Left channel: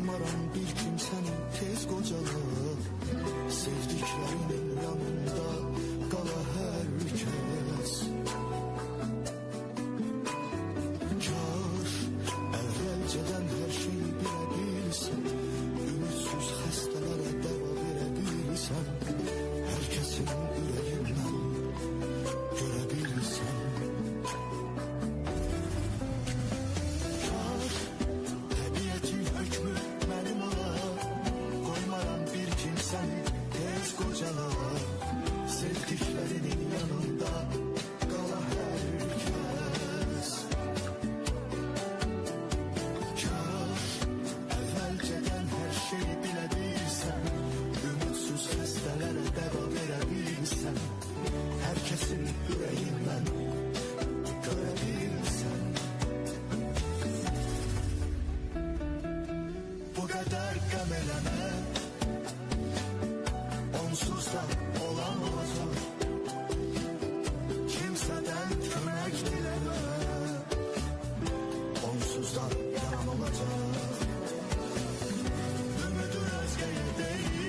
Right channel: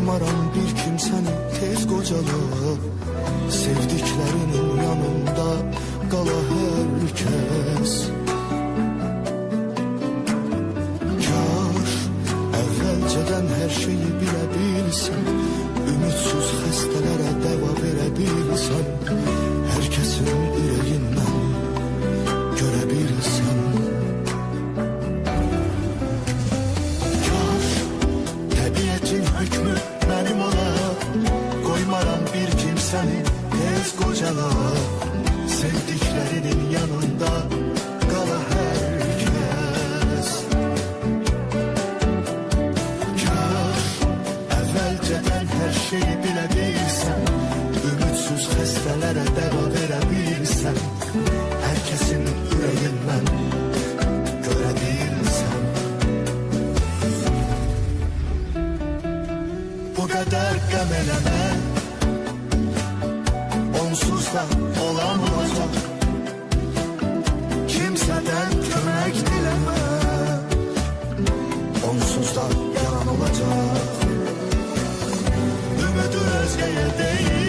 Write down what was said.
Qoymaram bir kimsəni tez qocala, sevdiklərinin yanında qala hər kəs. Kaş əvvəlcədən hər şeyi bilə bilsən, ümidsuz xəstələrə dəva verə bilsən, hər kəsin ürəyindən görə bilsən. Kaş təbiətin hökmü mənim ola, qoymaram bir kimsəni tez qocala, sevdiklərinin yanında qala hər kəs. Kaş əvvəlcədən hər şeyi bilə bilsən, ümidsuz xəstələrə dəva verə bilsən, hər kəsin ürəyindən görə bilsən. Bu qədər qəm eləmə, onsuz da olan olacaq, kimsədən kömək diləmə, onsuz da yalan olacaq. Ümidi özgəyə deyil,